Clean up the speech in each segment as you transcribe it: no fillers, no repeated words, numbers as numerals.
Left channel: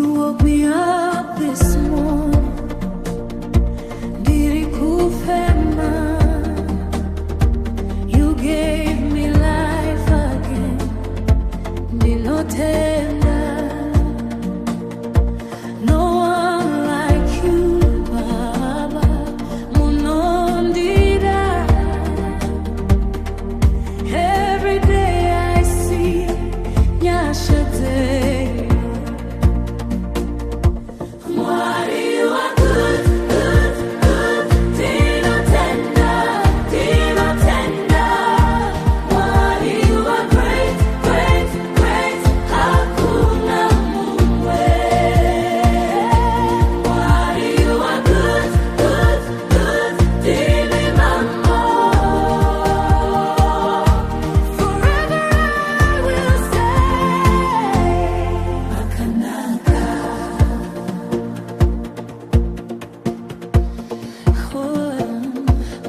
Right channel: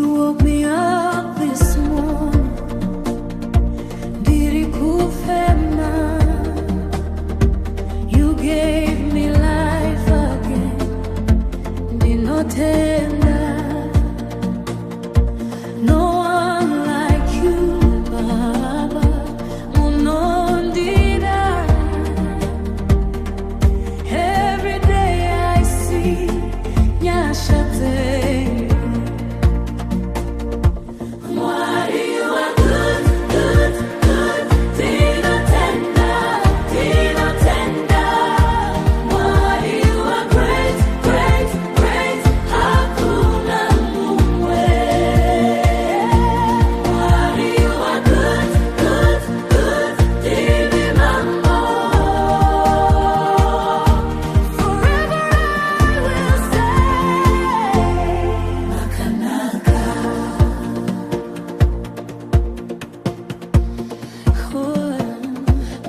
You woke me up this morning. Ndiri kufema. You gave me life again. Ndinotenda. No one like you, Baba. Munondida. Every day I see Nyashadei. Mwari you are good, good, good. Dino tender, dino tender. Mwari you are great, great, great. Hakuna mumwe. Mwari you are good, good, good. Dimi mambo. Forever I will say, Makanaka.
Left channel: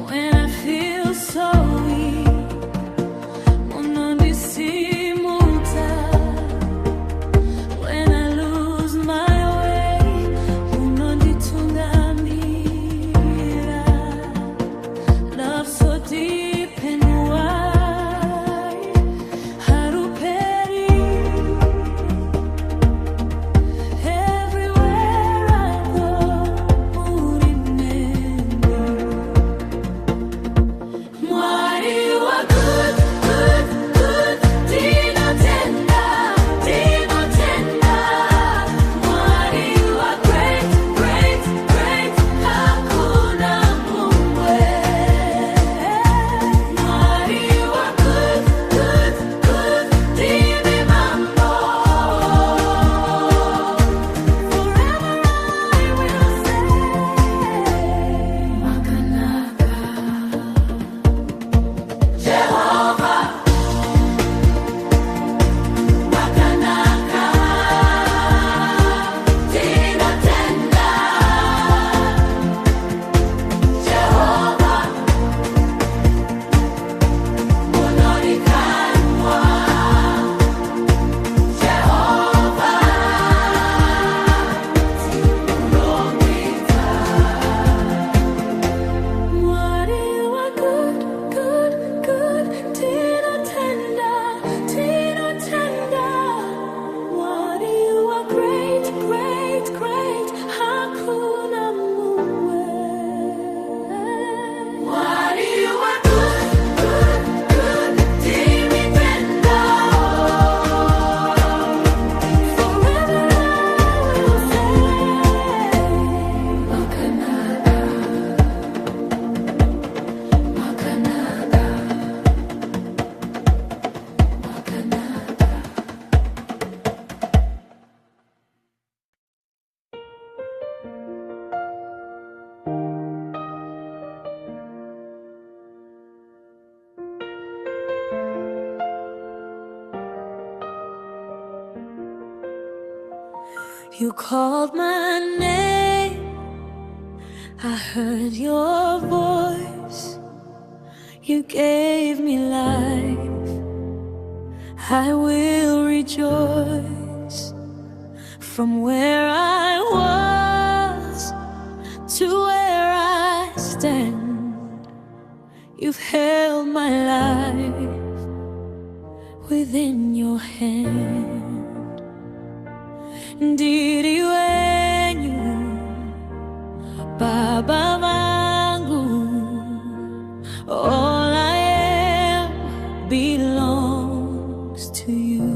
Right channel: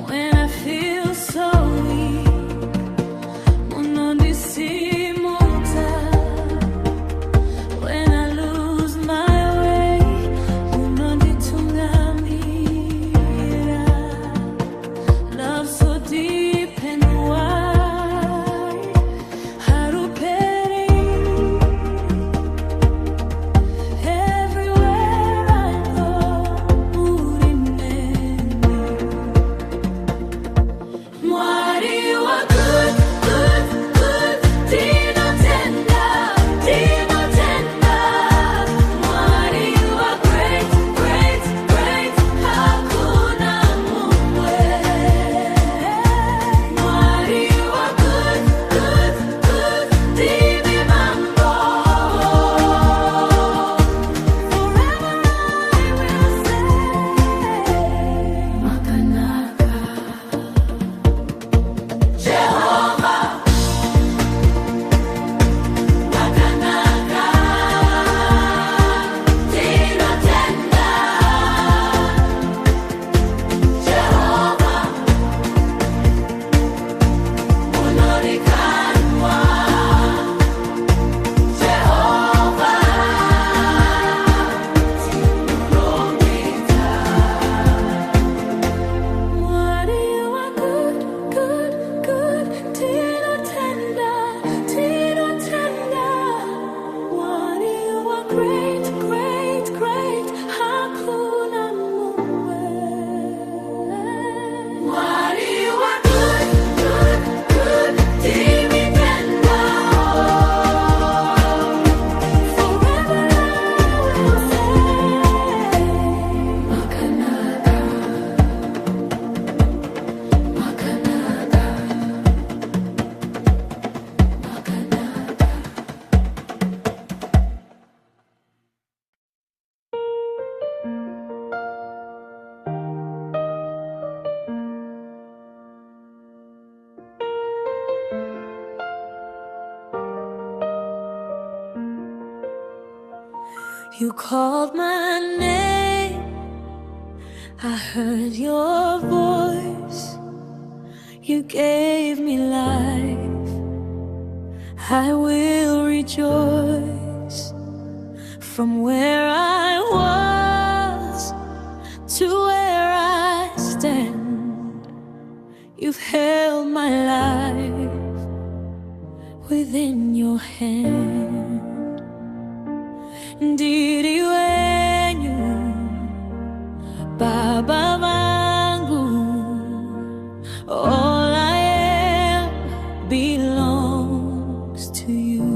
When I feel so weak, munondisimuta. When I lose my way, munonditungamira. Love so deep and wide, haruperi. Everywhere I go, murineni. Mwari you are good, good, good. Dino tender, dino tender. Mwari you are great, great, great. Hakuna mumwe. Mwari you are good, good, good. Dimi mambo. Forever I will say, Makanaka. Jehovah, Makanaka, Dino tender. Jehovah, munorikanwa. Jehovah, unomita. Mwari you are good, good, good. Dino tender, dino tender. Mwari you are great, great, great. Hakuna mumwe. Mwari you are good, good, good. Dimi penda. Forever I will say, Makanaka, Makanaka, Makanaka. You called my name, I heard your voice. You gave me life, I will rejoice. From where I was to where I stand, you've held my life within your hand. Ndiri Wenyu, Baba vangu, all I am belongs to you.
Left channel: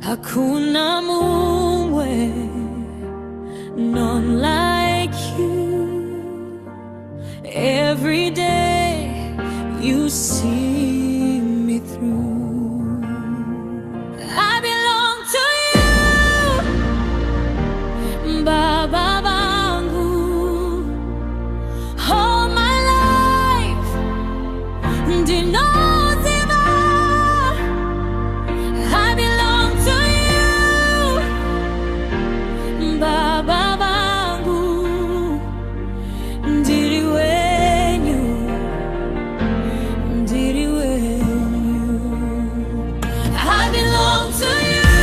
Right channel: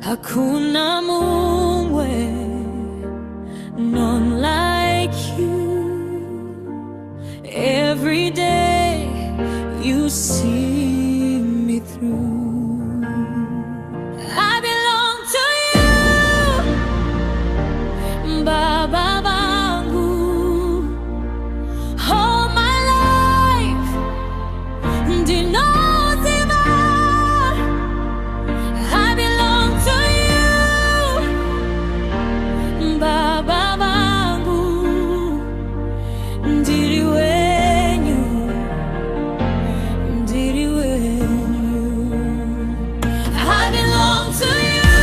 Hakuna mumwe, none like you. Every day you see me through. I belong to you, Baba vangu. All my life, ndinozima. I belong to you, Baba vangu. Ndiri Wenyu, Ndiri Wenyu. I belong to you,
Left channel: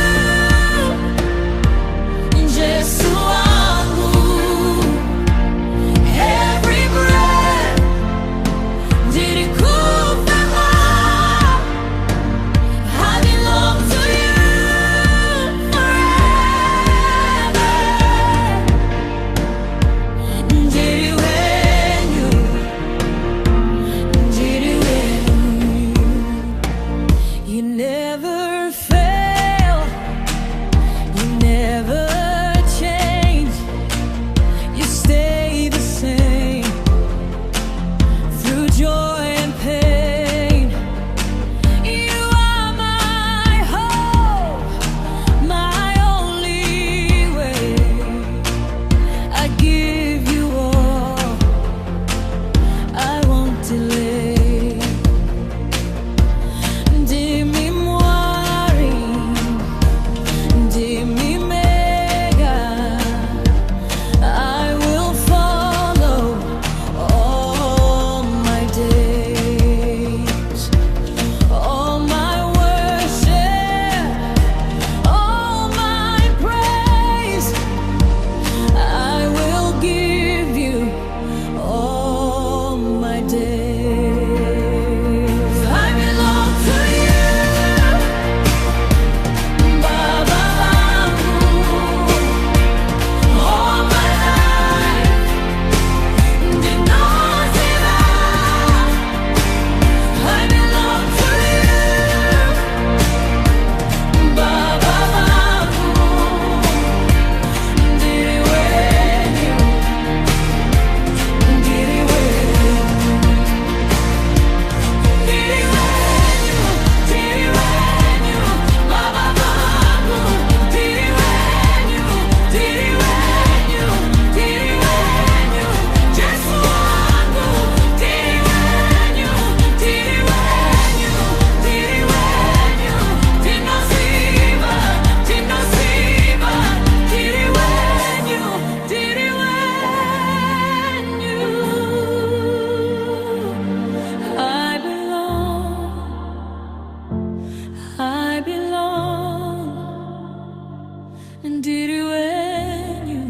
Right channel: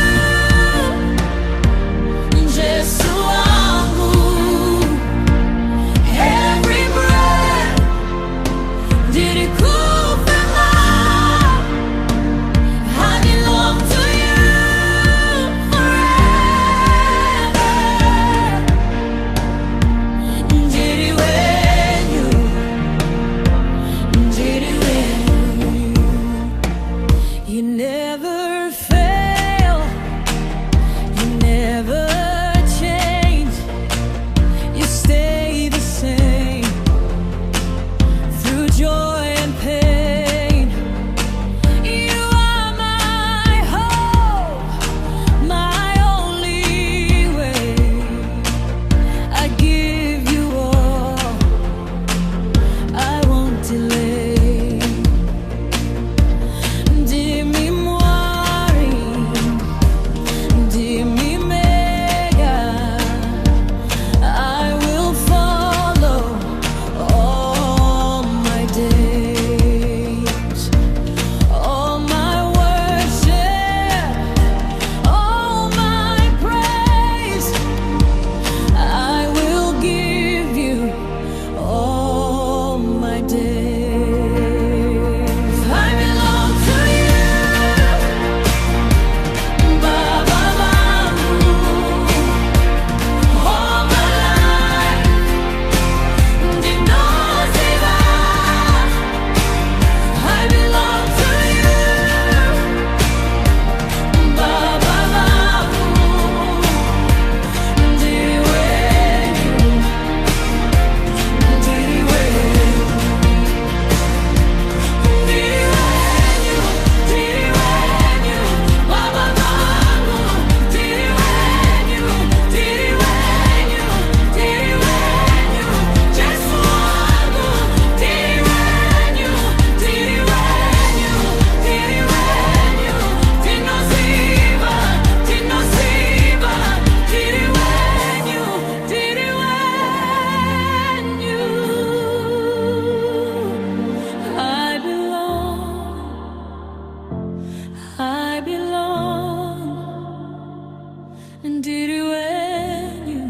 Ndiri wenyu,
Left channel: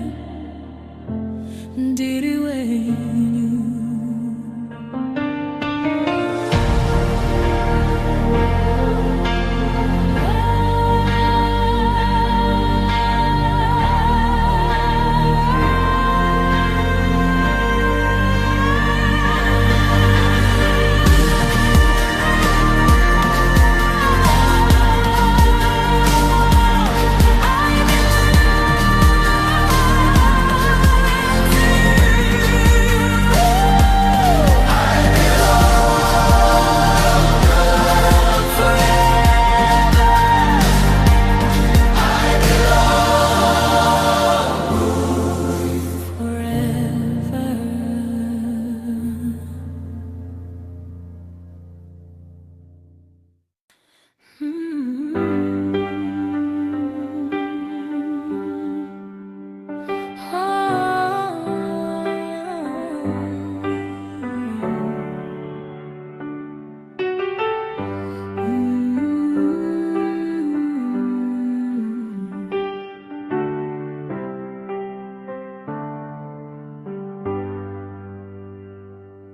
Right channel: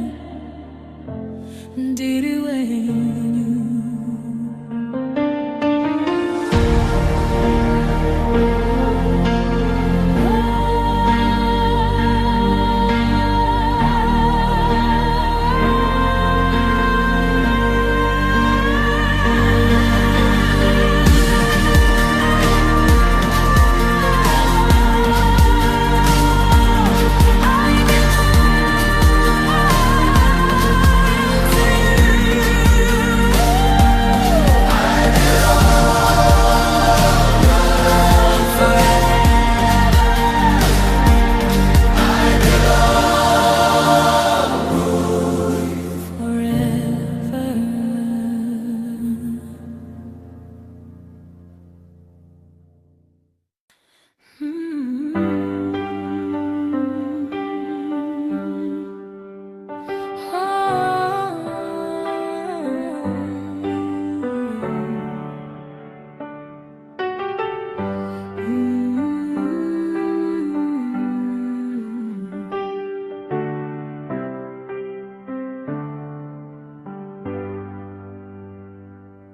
Ndiri wenyu.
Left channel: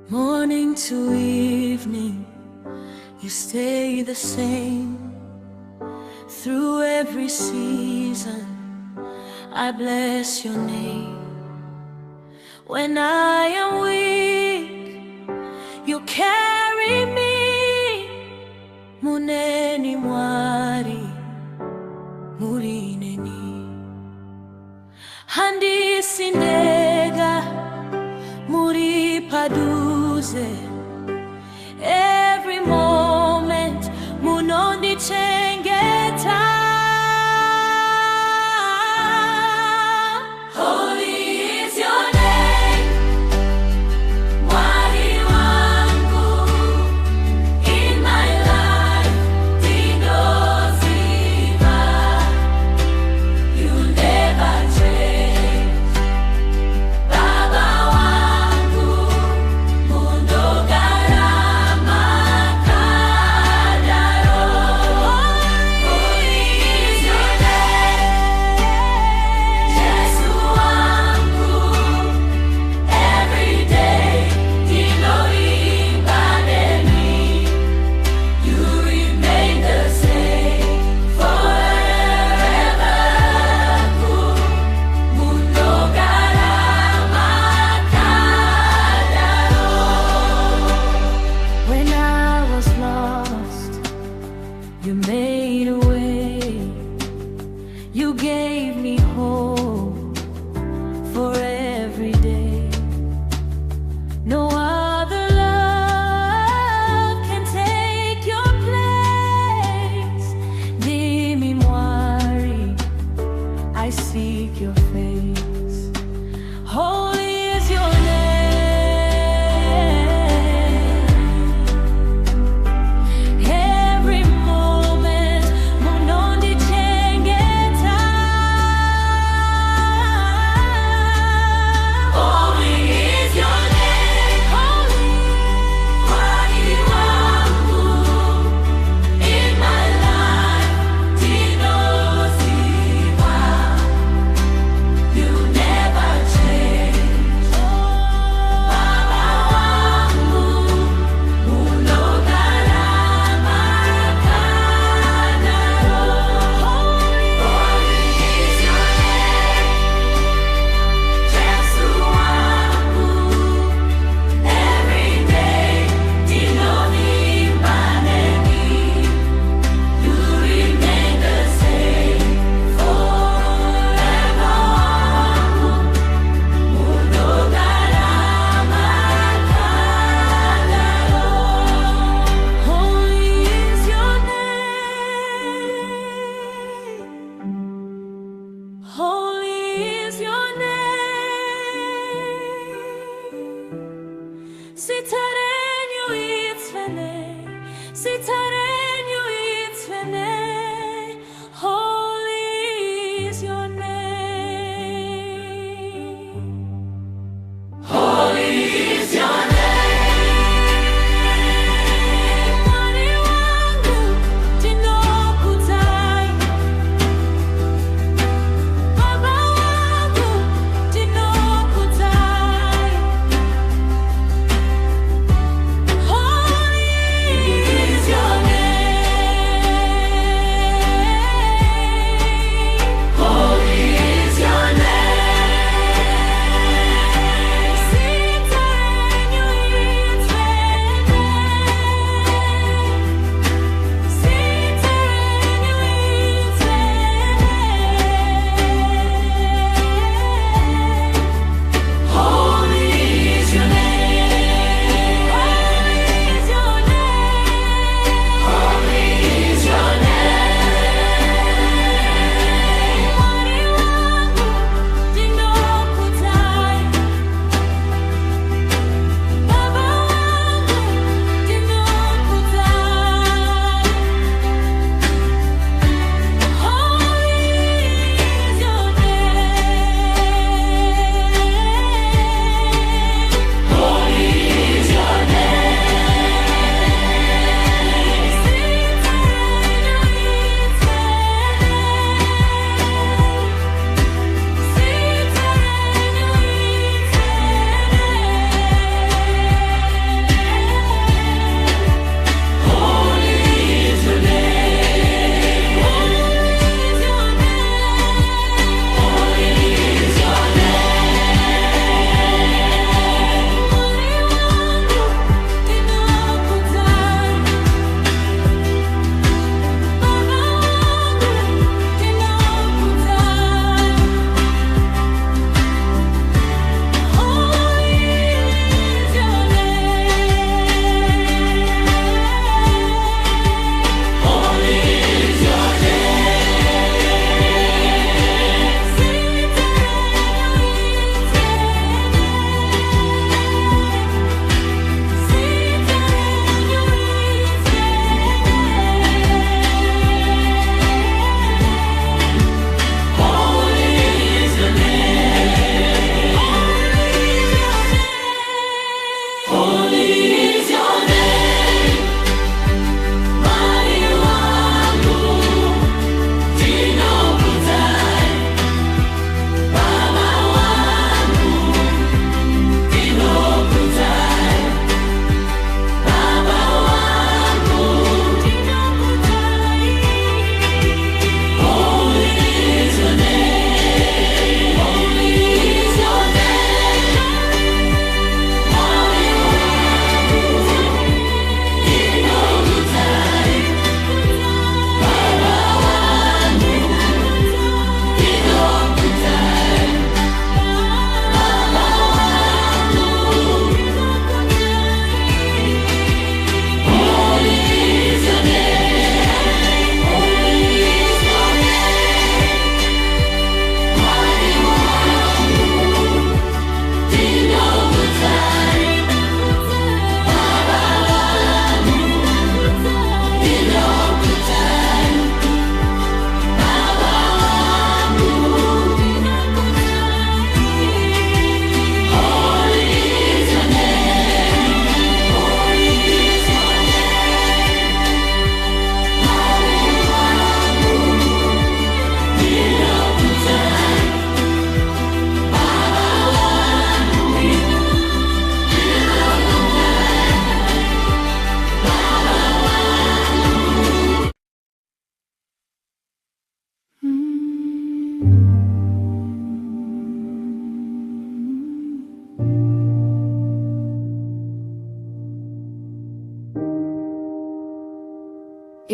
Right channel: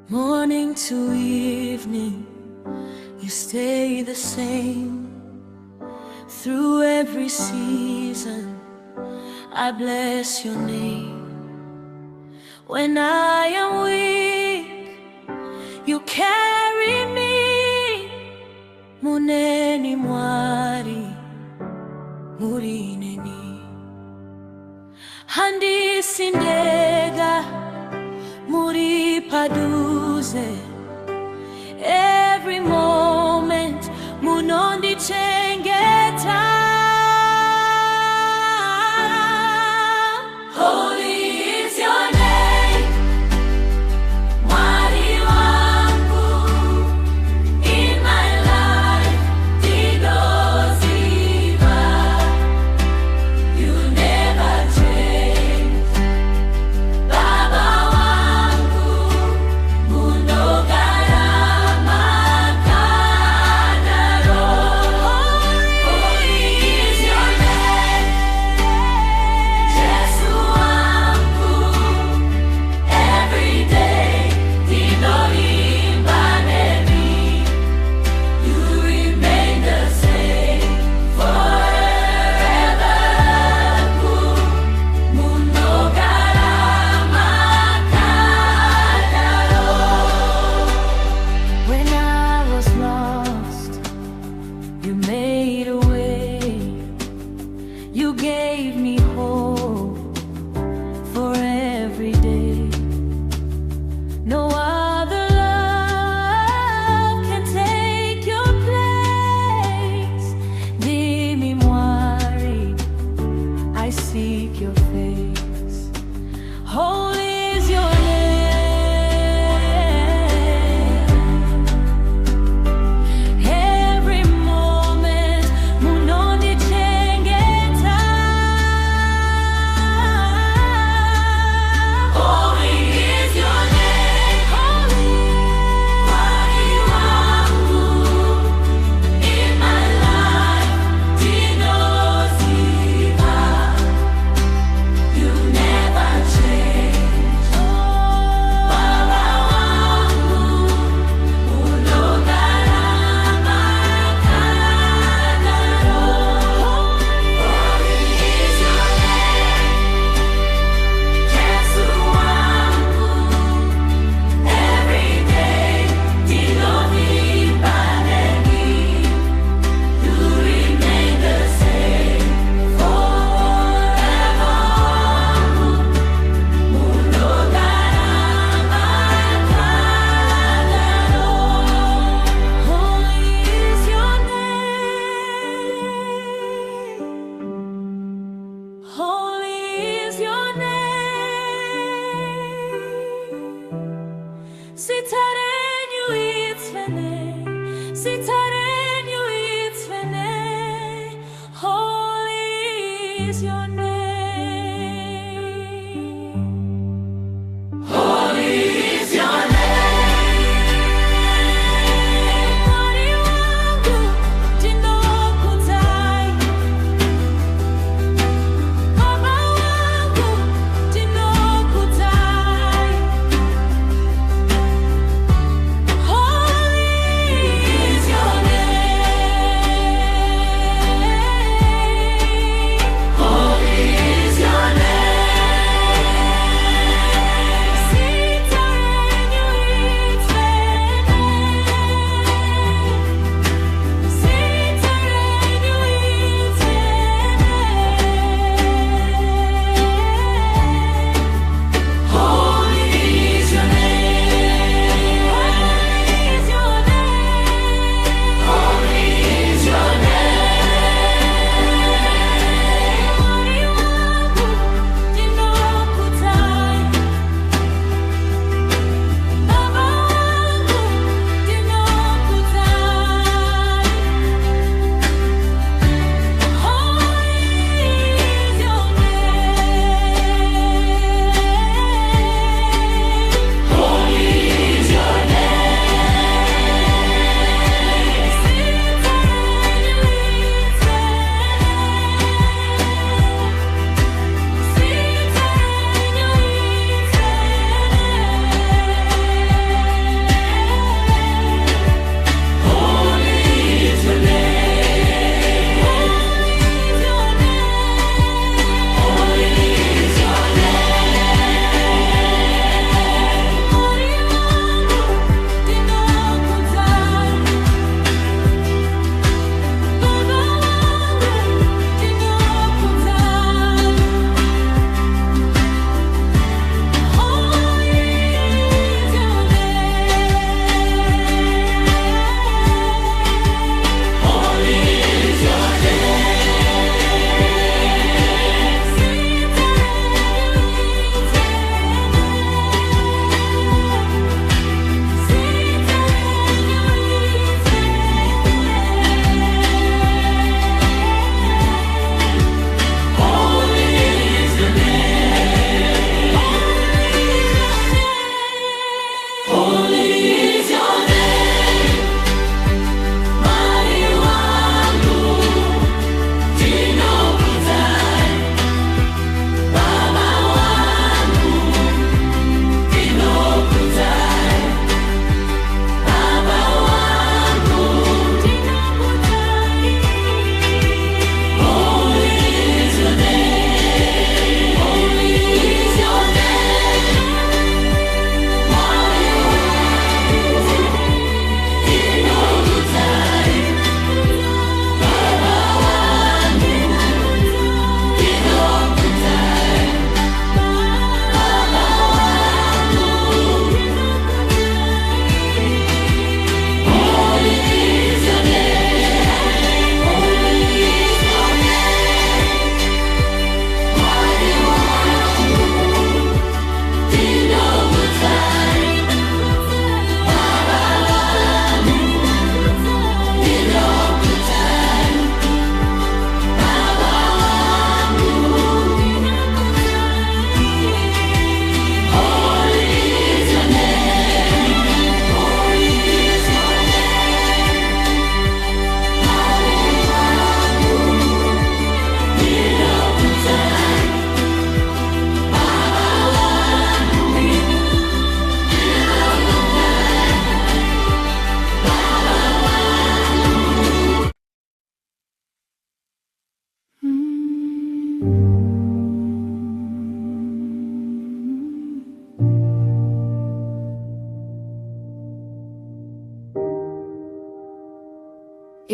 Morning to evening, you stay the same. Through every season, I bless your name. When I am weak, you carry me. Muneni Mwari, muri neni. Handi sindega, muri paduze. Every moment munondi chengeta. Holy is your name, Mwari wangu. In my life dinoziva, you never change. Baba wangu, munogara makadaro. Holy is your name, Jesu wangu. Every day dinoimba neni, you remain the same forever. Munogara makadaro. When I was lost, you made a way. You gave me hope for every day. No other love can take your place. Ndimi Mwari, I seek your face. Holy is your name. Every moment munondi chengeta. Holy is your name. Holy Mwari wangu. In my life dinoziva, you never change. Baba wangu, munogara makadaro. Holy is your name, Jesu wangu. Every day dinoimba neni, you remain the same forever. Munogara makadaro. Holy is your name. Holy is your name. Sitarenyu itzvene, sitarenyu itzvene. Holy is your name. Holy is your name. Mwari wangu, dinokutai.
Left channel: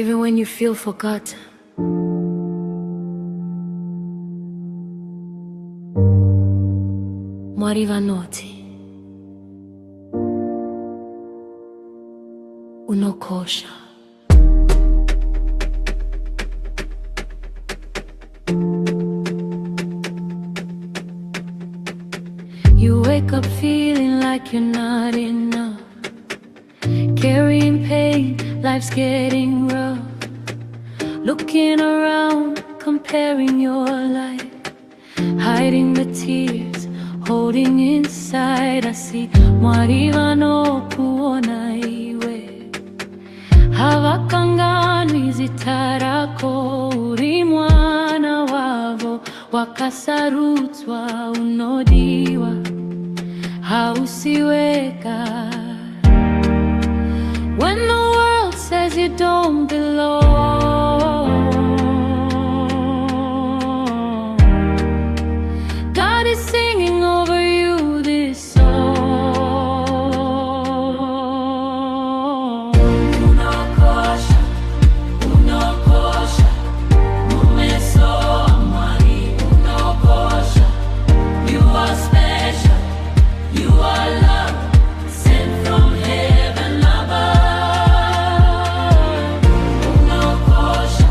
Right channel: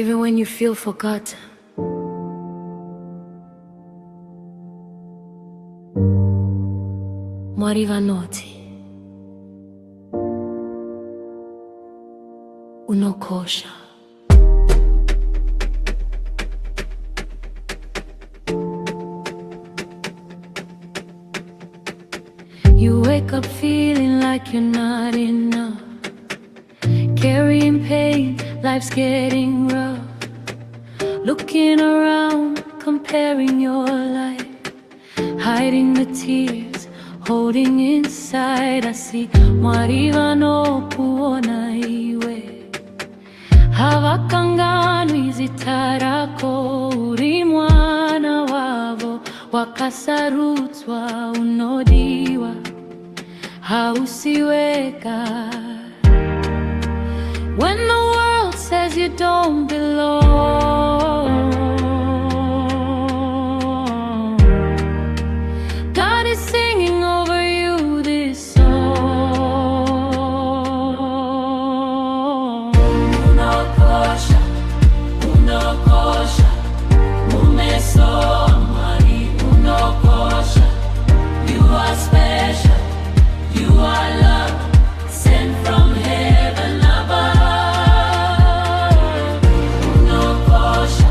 even when you feel forgotten. Mwari vanoti unokosha. You wake up feeling like you're not enough, carrying pain, life's getting rough. Looking around, comparing your life, hiding the tears, holding inside. I see Mwari vanokuona iwe, havakanganwi zita rako. Uri mwana wavo wakasarudzwa, unodiwa hausiweka. When the world says you don't belong, God is singing over you this song. Unokosha, unokosha, mumesoa Mwari, unokosha. You are special, you are loved, sent from heaven above. Unokosha,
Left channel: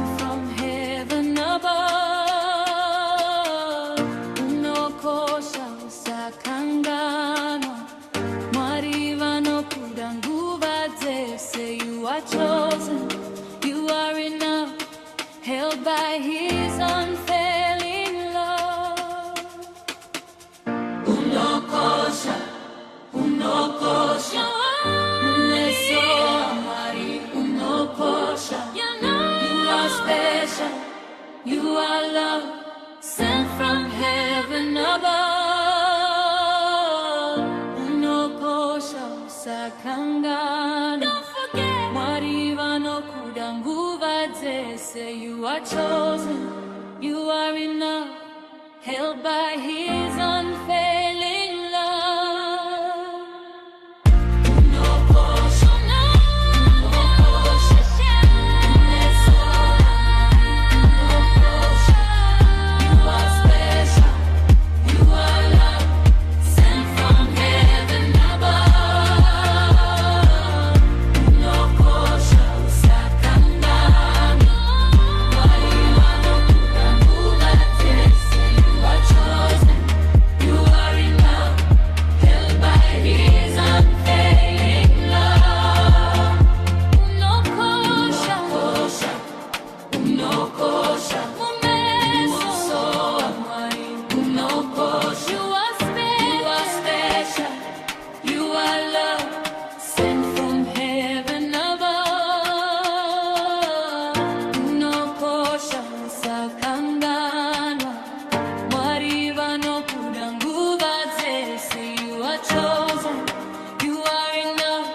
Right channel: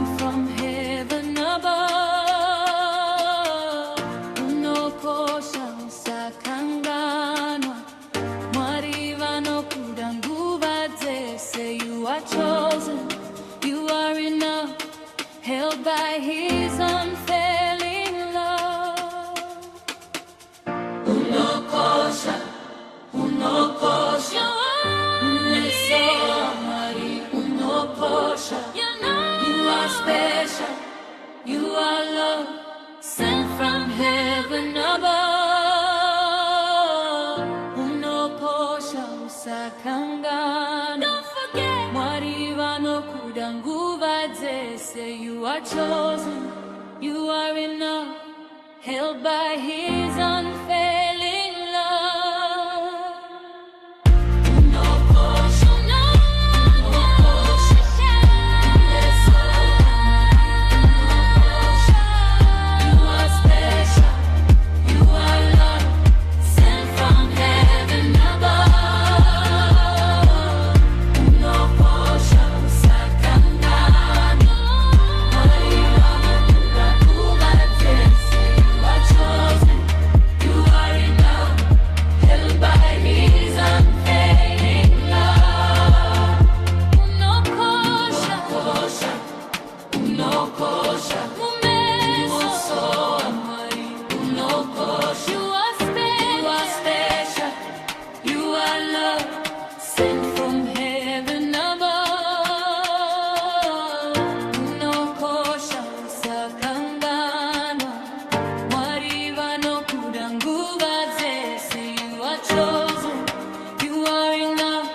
sent from heaven above. Unokosha usakanganwa, Mwari vanokuda nguva dzese. You are chosen, you are enough, held by his unfailing love. Unokosha, unokosha, Mwari, unokosha. You are special, you are love, sent from heaven above. Unokosha usakangana. Don't forget, Mwari vanokuda nguva dzese. You are chosen, you are enough, held by his unfailing love. You are chosen, you are enough,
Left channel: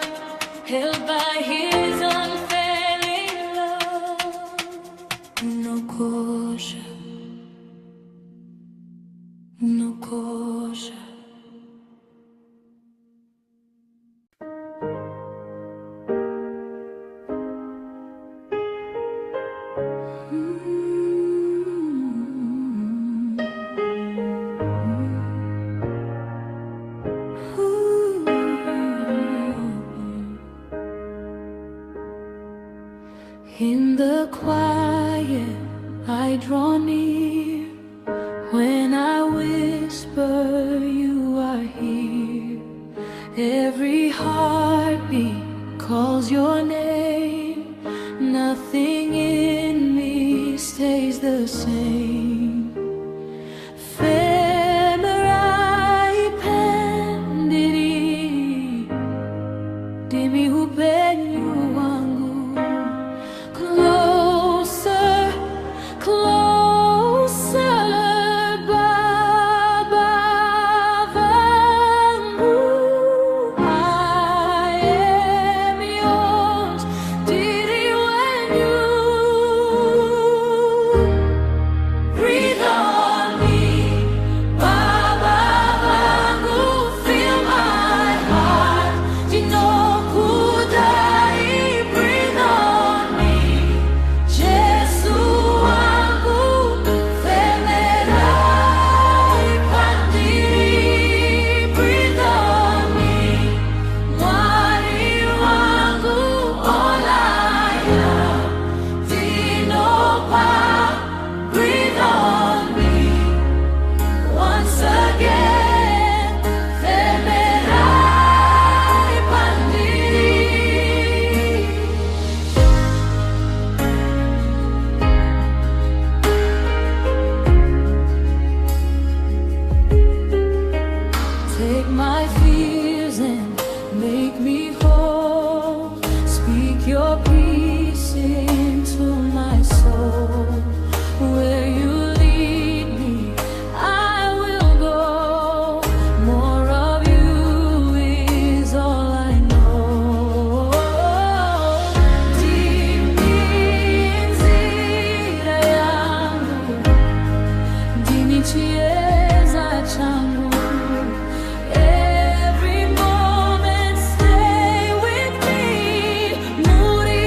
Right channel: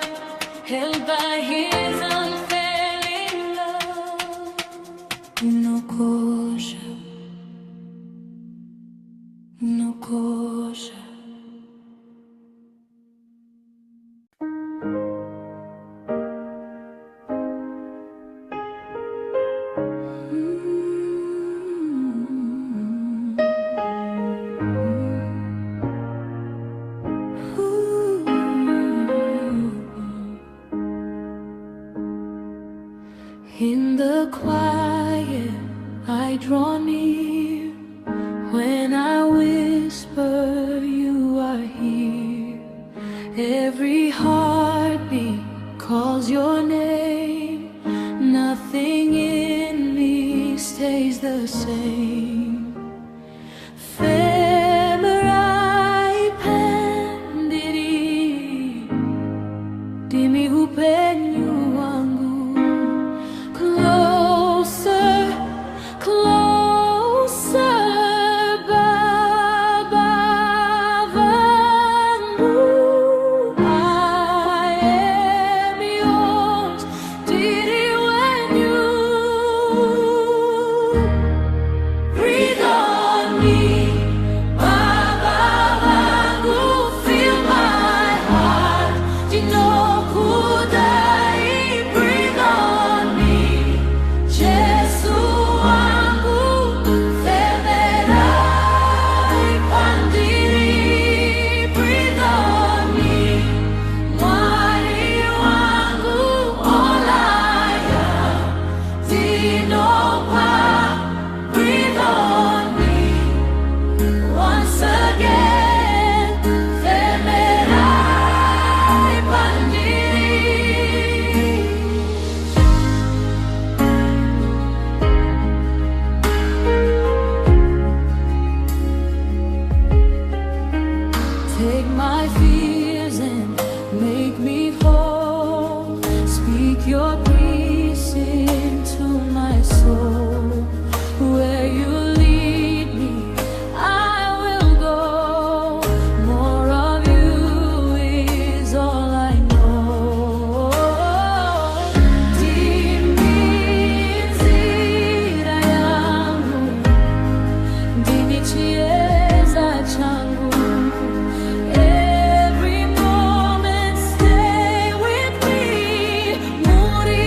held by his unfailing love. Unokosha, unokosha. In the quiet, I draw near. When I whisper, you are here. Every heartbeat calls your name. Nothing in me stays the same. Femerai pendiri, dimi upenyu wangu. Closer, closer, Baba vangu. I am yours, Ndiri, Wenyu. Breathe on me, Baba vangu. Fill my heart, dinokudai. Breathe on me, Jesu wangu. Femerai pandiri. Breathe on me, Mwari wangu. All I am, dinopa. Breathe on me once again. Femerai pandiri. Take my fears and make me whole. Speak your peace into my soul. Where you lead me, I will go. More of you is all I know. Dimi nzira yangu, dimi chieza changu. Every moment stay with me. Muri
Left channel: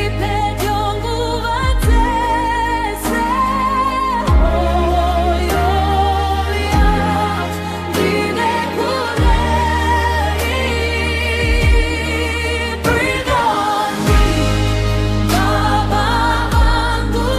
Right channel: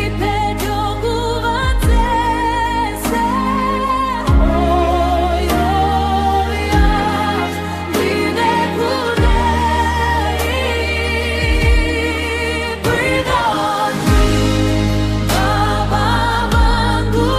nguva dzese. Oh, you're yours, ndinekudai. Breathe on me, Baba vangu.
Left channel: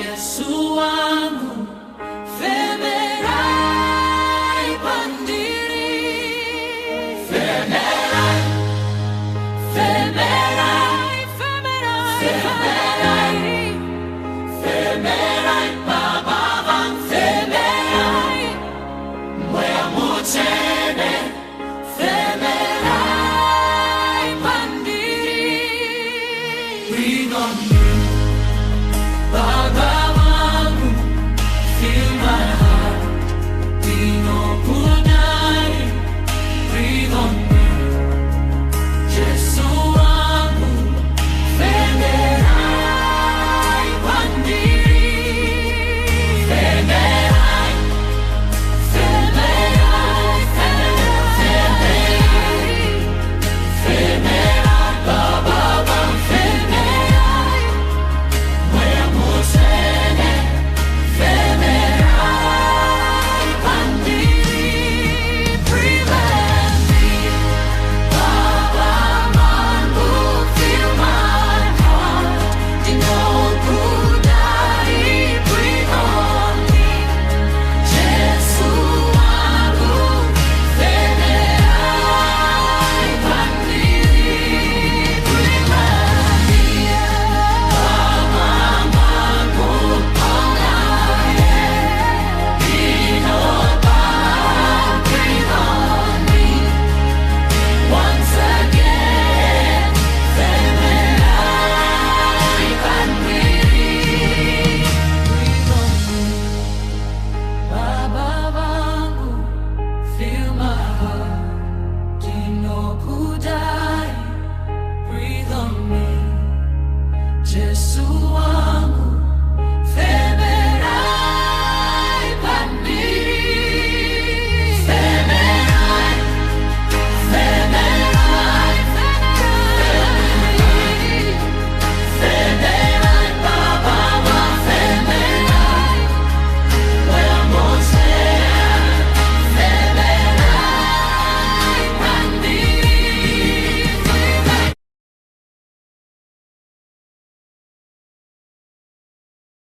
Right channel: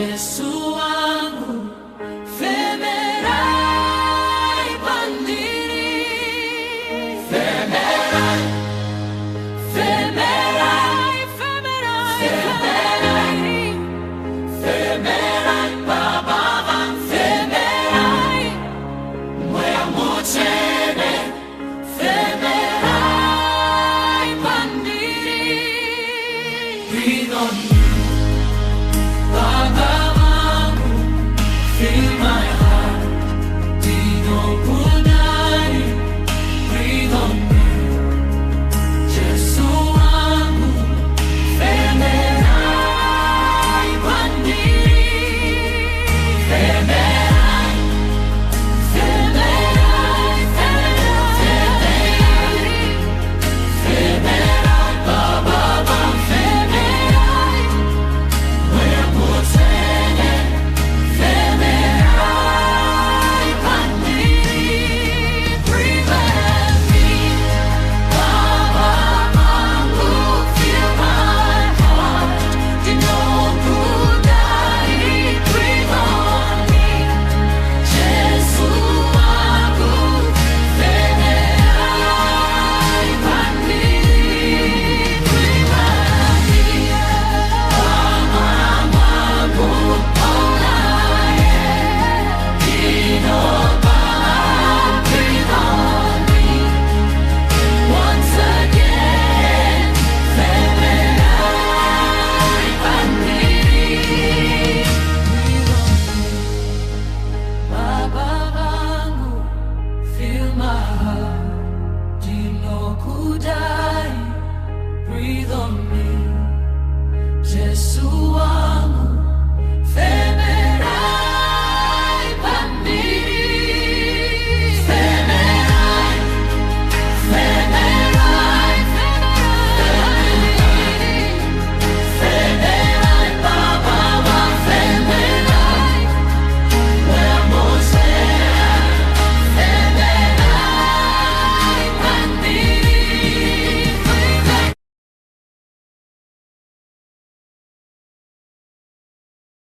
Yesu wangu, faithful.